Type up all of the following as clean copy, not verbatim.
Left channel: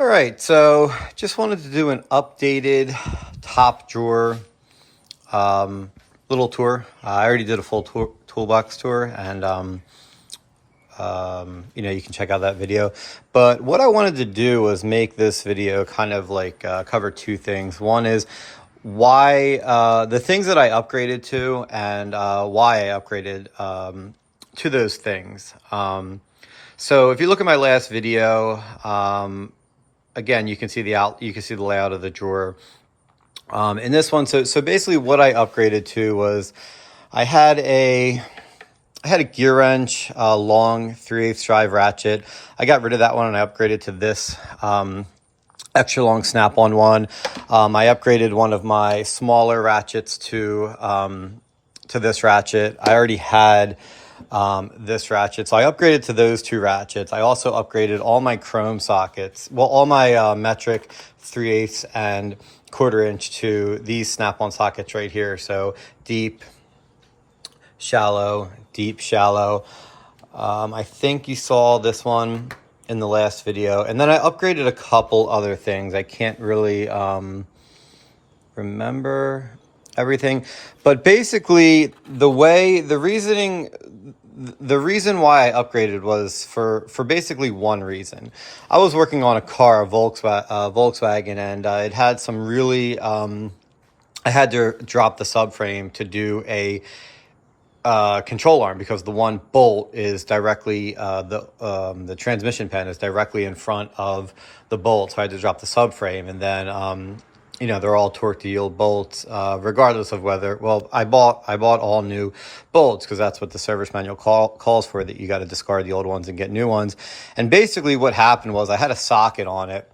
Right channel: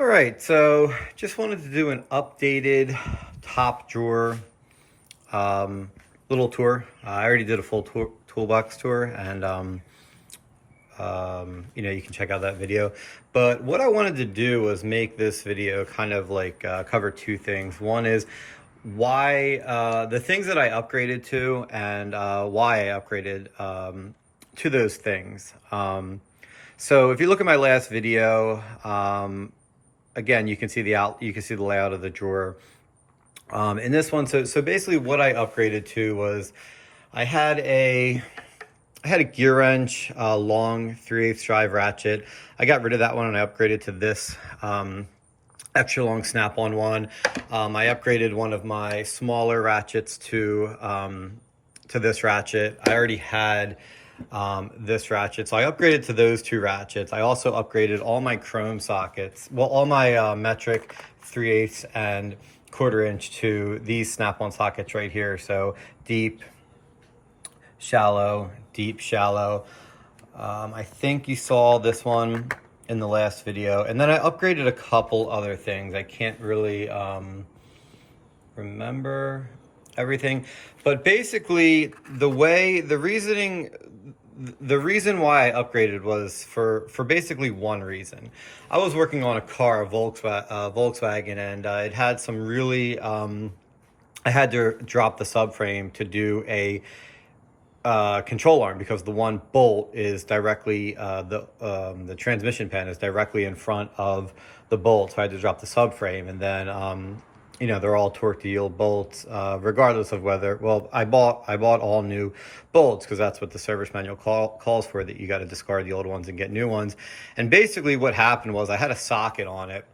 All right, so just wanted to do an updated top drawer little tour. I already did a full toolbox tour, and you can check out that video. But what I wanted to do was make this video kind of like cover two things. One is why the things that I upgraded to, and why I upgraded to those things. So if you look at my last video, again, you can see the layout of the drawer. In this one, so basically what I upgraded to was I had a gear wrench, long 3/8 drive ratchet. I got rid of that one and I upgraded to this extra long snap-on one. I upgraded one of my smaller ratchets to this ratchet. I already had this ratchet, so I upgraded to those two ratchets. I also upgraded all my chrome sockets, well, all my metric 3/8 and 1/4 inch to these snap-on sockets right here. So deep, shallow, deep, shallow. I think you saw this one in the last video, and then I upgraded a couple other things. I can't really remember everything, but basically the reason why I upgraded was for basically one reason. I was working on a car, a Volkswagen, and it had some really, I had to drop the subframe to do a control arm, because the one bolt is directly, the transmission pen is directly in front of the bolt. So I had to drop the subframe, and then, they're all torque to yield bolts, regardless of whether, well, I bought all new bolts because that's what the service manual calls for, that you got to discard the old ones and get new ones. And basically what happened was I had a socket on it,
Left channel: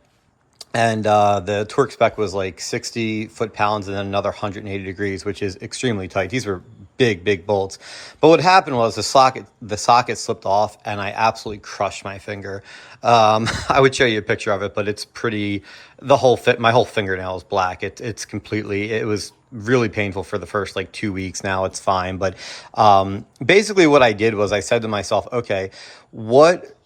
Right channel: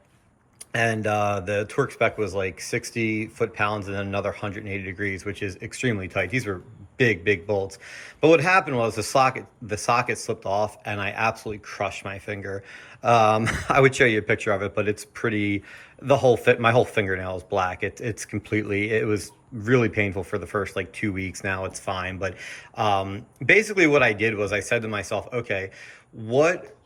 and the torque spec was like 60 foot-pounds and then another 180 degrees, which is extremely tight. These were big bolts. But what happened was the socket slipped off, and I absolutely crushed my finger. I would show you a picture of it, but it's pretty, my whole fingernail is black. It was really painful for the first like 2 weeks. Now it's fine. But basically what I did was I said to myself, okay, what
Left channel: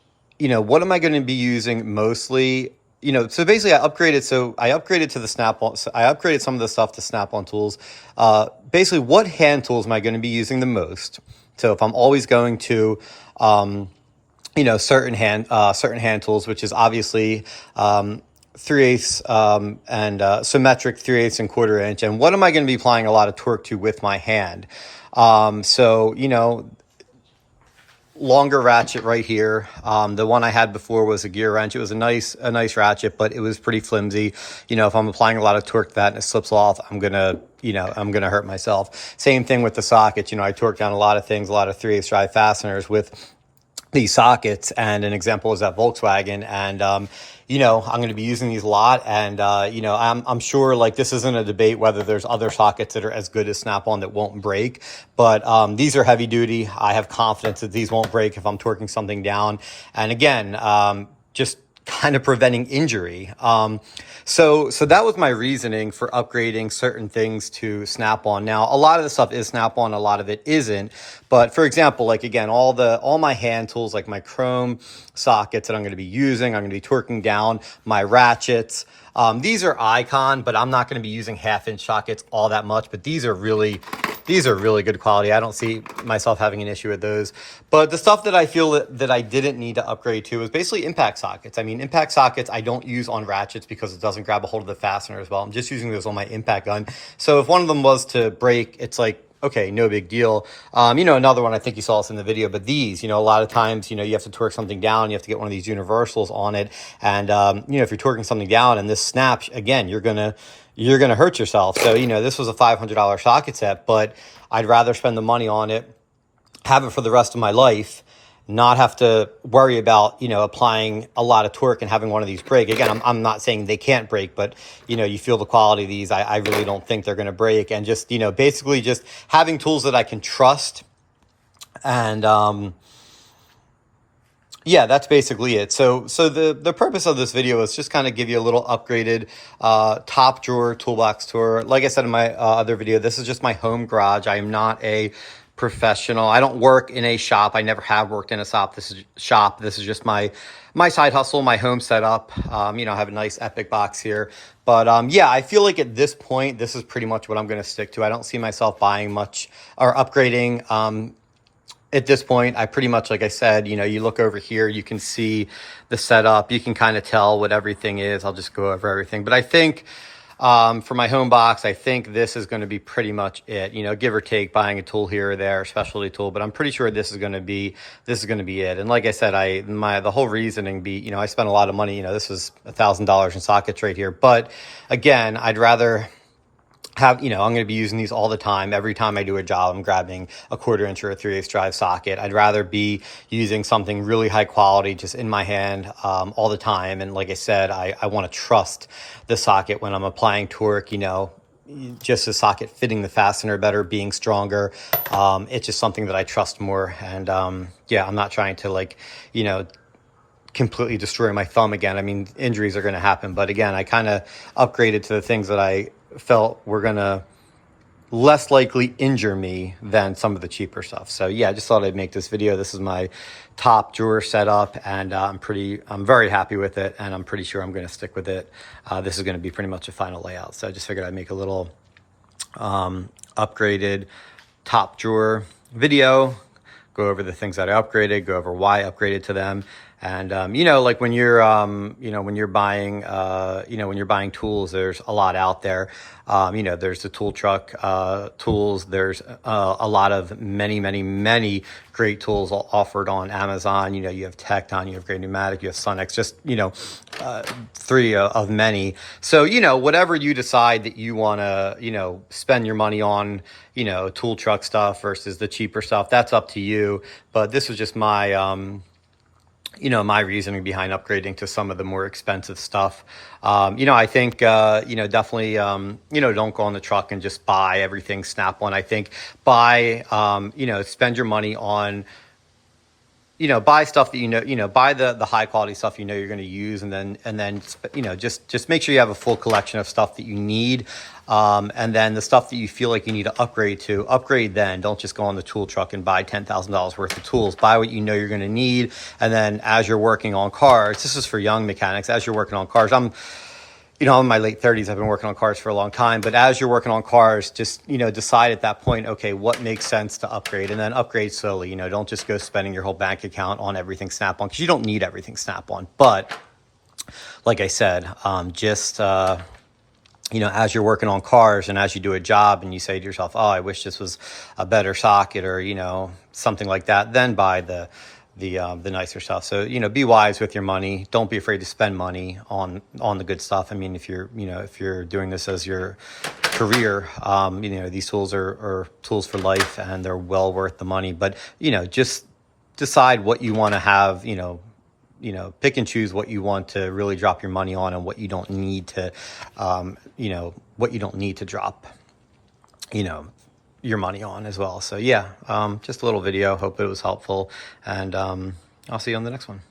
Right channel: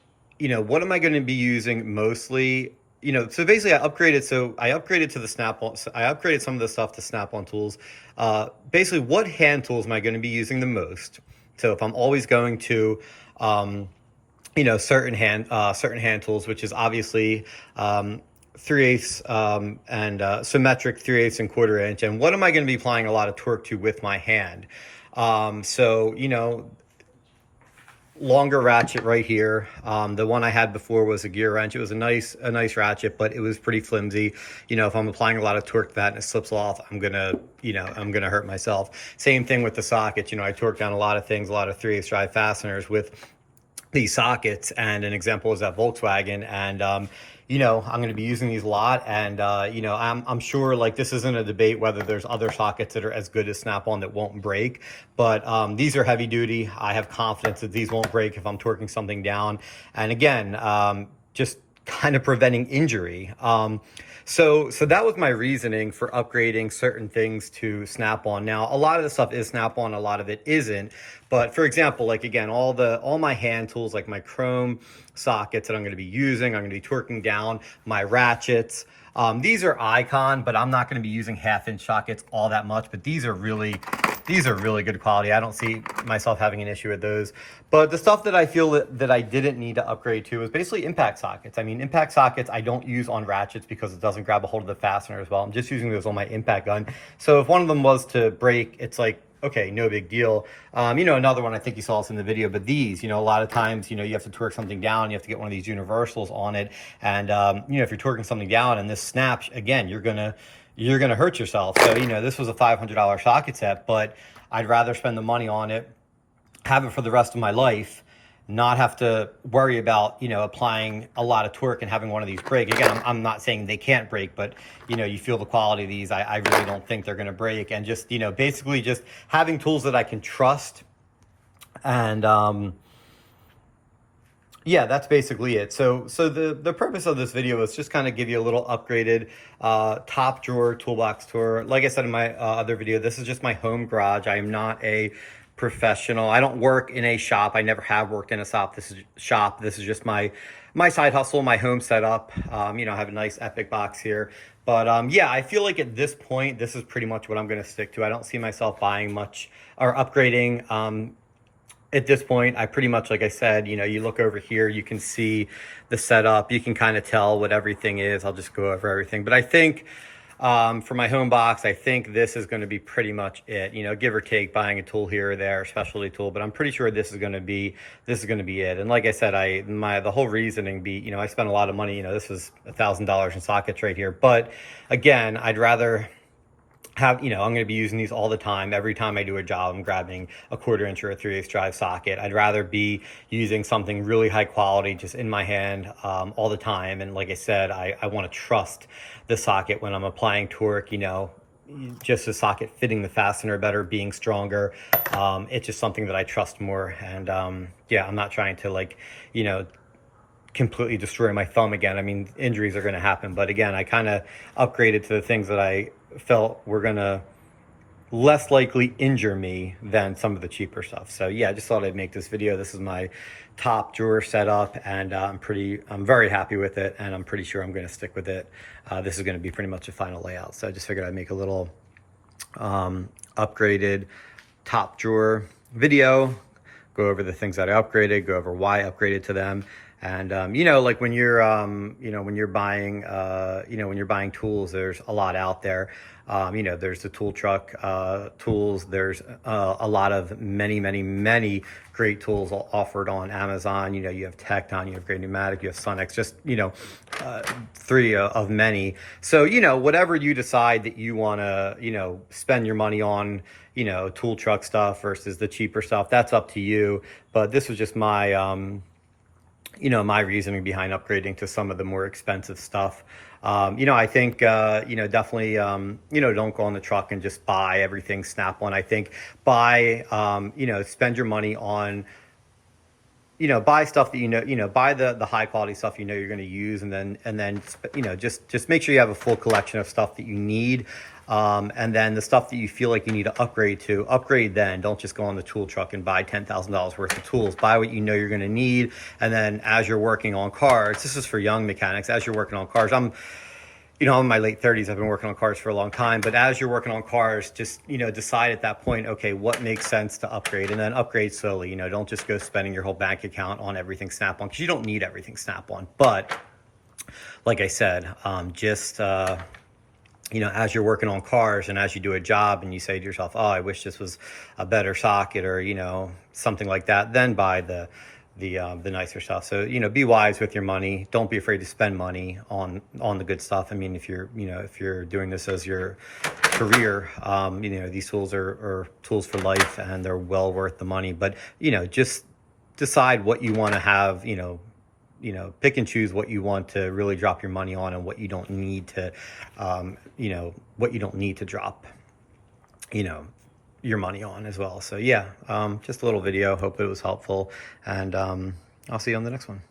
am I going to be using mostly? So basically I upgraded to the Snap-on. So I upgraded some of the stuff to Snap-on tools. Basically, what hand tools am I going to be using the most? So if I'm always going to, certain hand tools, which is obviously 3/8 and symmetric 3/8 and 1/4 inch. And what am I going to be applying a lot of torque to with my hand? Longer ratchet right here. The one I had before was a gear wrench. It was a nice ratchet, but it was pretty flimsy. If I'm applying a lot of torque to that and it slips off, I'm gonna hurt myself. Same thing with the sockets. I torque down a lot of things, a lot of 3/8 drive fasteners with these sockets, and an example is that Volkswagen. And I'm going to be using these a lot, and I'm sure, like, this isn't a debate whether there's other sockets that are as good as Snap-on that won't break, but these are heavy duty. I have confidence that these won't break if I'm torquing something down, and again, just kind of preventing injury. So that was my reasoning for upgrading certain things to Snap-on. Now, a lot of the stuff is Snap-on, a lot of it isn't. But for example, like, again, all my hand tools, like my chrome sockets that I'm going to be using, I'm going to be torquing down my ratchets. These are Icon, but I'm not going to be using 1/2 inch sockets all that much. But these are really good quality. I don't see myself having an issue with those. But the stuff that I feel that I didn't need to upgrade to is basically impact sockets. I mean, impact sockets I don't use on ratchets because it doesn't grab a hold of the fastener as well. I'm just using those on my impact gun. So if one of them was to break, it's like, okay, no big deal. Another one, I think you saw this in the video, but these, a lot of times, you have to torque something down, you have to get one of these universals on it. And, if you're torquing something down and this snaps, again, you're going to hurt yourself. So, this was a $500 socket set, but I'd rather spend the money on it, have it for the rest of my life, not have to worry about, applying a lot of torque and having one of these break. Again, I'm not saying they can't break, but, you feel the quality of these. I really don't think they're going to break. And just, basically just having tools that I can trust. And, yeah, that's basically it. So the purpose of this video is just kind of give you a little upgraded top drawer toolbox tour. Like I said in my other video, this is just my home garage. I am not a professional. I don't work in a shop. I never have worked in a shop. This is just my side hustle, my home setup. You know, I have a nice EPIQ box here. But yeah, I feel like at this point, this is pretty much what I'm going to stick to. I don't see myself buying much or upgrading. At this point, I pretty much, like I said, you know, you look over here, you can see the setup. You can kind of tell what everything is. I'll just go over everything. But I think for my home box, I think this is going to be pretty much it, you know, give or take buying a tool here or there, specialty tool, but I'm pretty sure this is going to be it. And like I said, the whole reasoning you know, I spent a lot of money, you know, this was $1,000 in sockets right here. But again, I'd rather have, you know, I'm going to be using these all the time. Every time I do a job, I'm grabbing a 1/4 inch or a 3/8 drive socket. I'd rather be using something really high quality just in my hand all the time. And like I said, I want to trust the socket when I'm applying torque, you know, just the socket fitting the fastener better, being stronger. It's just something that I trust more. And yeah, I'm not trying to, like, you know, completely destroy my thumb again. I mean, injuries are going to happen. But again, I kind of upgraded to the things that I felt were going to less likely injure me than some of the cheaper stuff. So yeah, I just thought I'd make this video. This is my top drawer setup, and I'm very happy with it, and I'm pretty sure I'm going to stick with it. This is going to be pretty much a final layout. So I just figured I'd make a little upgraded top drawer video, go over the things that I upgraded, go over why I upgraded to them. And, you know, like when you're, you know, when you're buying, you know, when you're buying tools, there's a lot out there. You know, there's the tool truck, tools. There's, a lot of many great tools offered on Amazon. You know, you have Tecton, you have Great Pneumatic, you have Sunex, just, you know, three of many. So, you know, whatever you decide that you want to, you know, spend your money on, you know, tool truck stuff versus the cheaper stuff, that's up to you. But this was just my, you know, my reasoning behind upgrading to some of the more expensive stuff. You know, I think, you know, definitely, you know, don't go on the truck and just buy everything Snap-on. I think buy, you know, spend your money on, you know, buy stuff that, you know, buy the high quality stuff, you know, you're going to use, and then, you know, just make sure you have a full collection of stuff that you need. And then the stuff that you feel like you need to upgrade then. Don't just go on the tool truck and buy $10,000 worth of tools. Buy what you know you're going to need. And then as you're working on cars, this is for young mechanics, as you're working on cars, you know, I'm in my late 30s. I've been working on cars for a long time. But as you're working on cars, just, you know, decide at that point, okay, what makes sense to upgrade? And then upgrade slowly. You know, don't just go spending your whole bank account on everything Snap-on, because you don't need everything Snap-on. But like I said, just, you know, as you're working on cars and as you do a job and you say to yourself, oh, I wish this was a better socket, or, you know, something like that, then buy the nicer stuff. So, you know, be wise with your money. Don't be afraid to spend money on the good stuff. I mean, if you're doing this as your career, you know, these tools are tools for life, and they're well worth the money. But, you know, just decide what you want to have, you know, pick and choose what you want to really drop your money on, and what you don't need to, you know, what you don't need to drop, you know, your money on as well. So yeah, just a little video. Hope it was helpful, and I'll see you on the next one.